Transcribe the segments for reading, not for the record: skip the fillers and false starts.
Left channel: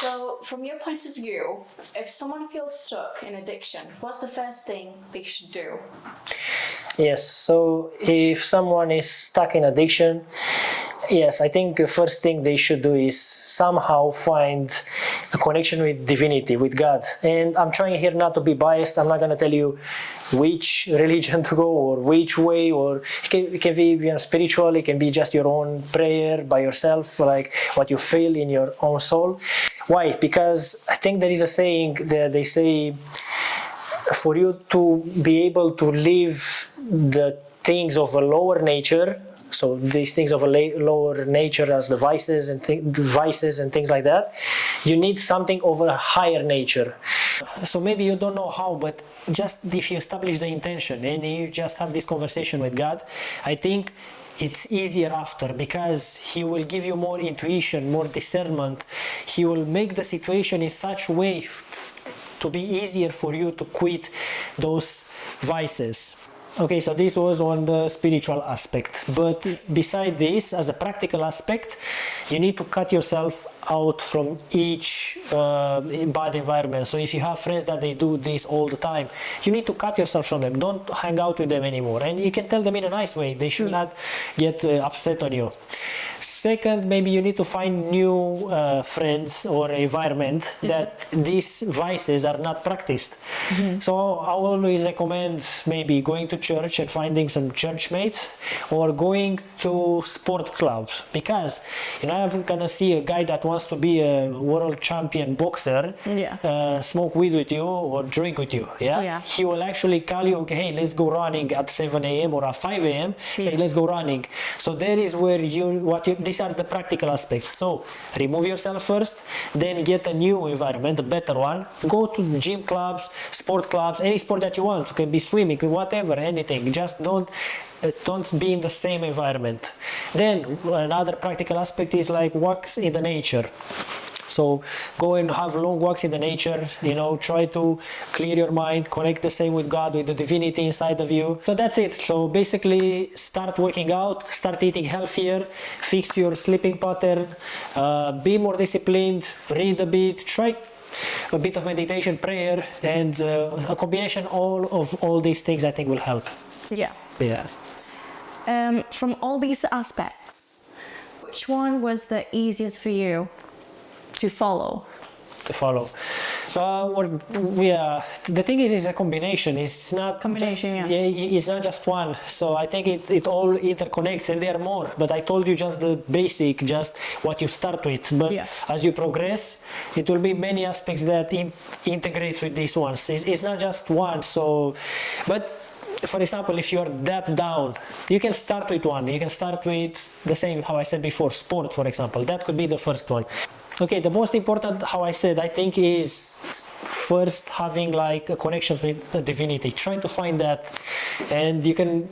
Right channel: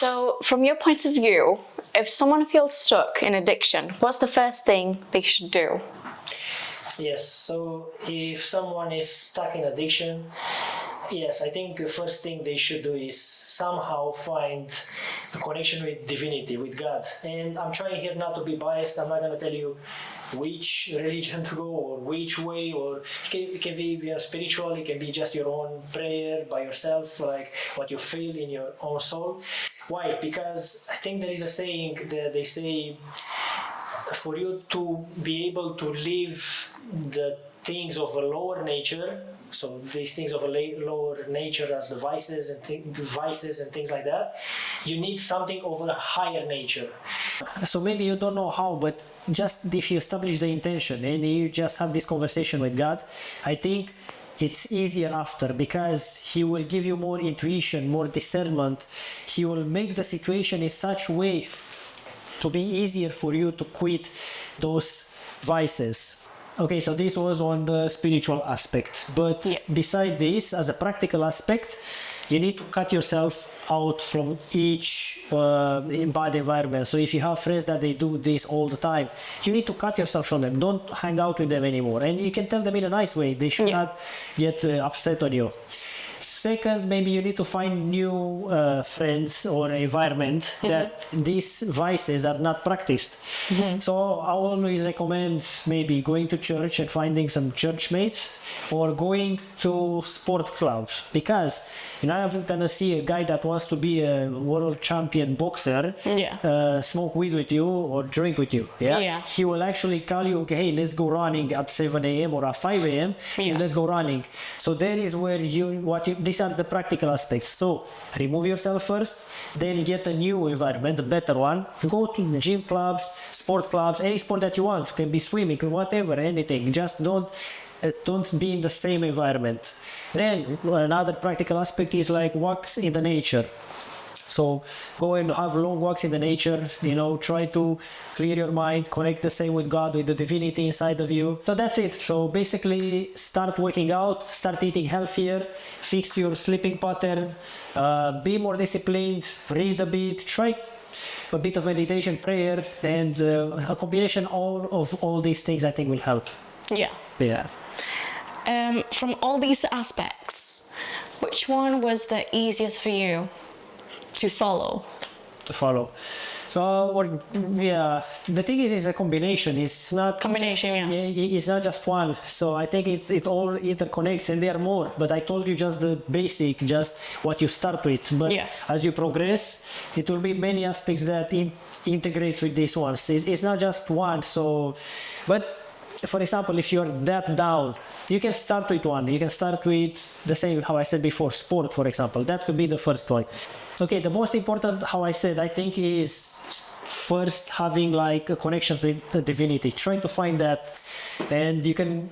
So, from your point of view, if someone feels stuck in addiction, what's the first thing they should do? Yes, so if someone is stuck in addiction, yes, I think the first thing they should do is somehow find a connection with divinity, with God. And I'm trying here not to be biased. I'm not going to tell you which religion to go or which way, or it can be spiritual, it can be just your own prayer by yourself, like what you feel in your own soul. Why? Because I think there is a saying that they say, for you to be able to live the things of a lower nature, so these things of a lower nature as the vices and things like that, you need something of a higher nature. So maybe you don't know how, but just if you establish the intention and you just have this conversation with God, I think it's easier after, because He will give you more intuition, more discernment. He will make the situation in such a way to be easier for you to quit those vices. Okay, so this was on the spiritual aspect, but beside this, as a practical aspect, you need to cut yourself out from each bad environment. So if you have friends that they do this all the time, you need to cut yourself from them. Don't hang out with them anymore, and you can tell them in a nice way. They should not get upset on you. Second, maybe you need to find new friends or environment that these vices are not practiced. So I always recommend maybe going to church and finding some church mates, or going to sport clubs, because I'm gonna see a guy that wants to be a world champion boxer smoke weed with you or drink with you. He will actually call you, okay, hey, let's go running at 7 a.m. or at 5 a.m. So let's go running. So there is where these are the practical aspects. So remove yourself first, then get a new environment, a better one. Go to the gym clubs, sport clubs, any sport that you want. It can be swimming, whatever, anything. Just don't be in the same environment. Then another practical aspect is like walks in the nature. So go and have long walks in the nature, try to clear your mind, connect the same with God, with the divinity inside of you. So that's it. So basically start working out, start eating healthier, fix your sleeping pattern, be more disciplined, read a bit, try a bit of meditation, prayer, and a combination of all these things I think will help. From all these aspects, which one was the easiest for you to follow? So the thing is a combination. It's not it's not just one. So I think it all interconnects, and there are more, but I told you just the basic, just what you start with. But as you progress, it will be many aspects that integrates with these ones. It's not just one. So but for example, if you're that down, you can start with one. You can start with the same, how I said before, sport, for example. That could be the first one. Okay, the most important, how I said, I think is first having like a connection with the divinity, trying to find that. And you can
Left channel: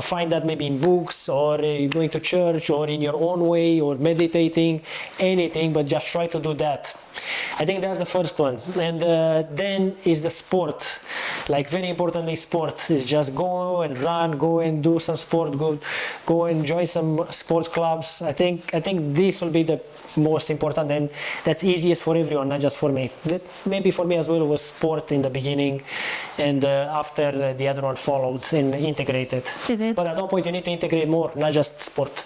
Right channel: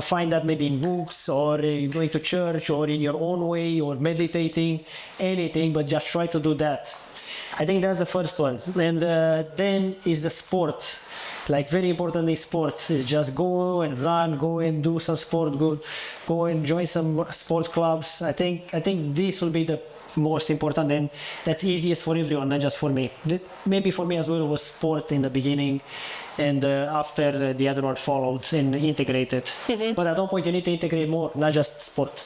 find that maybe in books, or going to church, or in your own way, or meditating, anything, but just try to do that. I think that's the first one. And then is the sport. Like very important is sport. Is just go and run, go and do some sport, go and join some sport clubs. I think this will be the most important, and that's easiest for everyone, not just for me. Maybe for me as well was sport in the beginning, and after the other one followed and integrated. But at one point you need to integrate more, not just sport.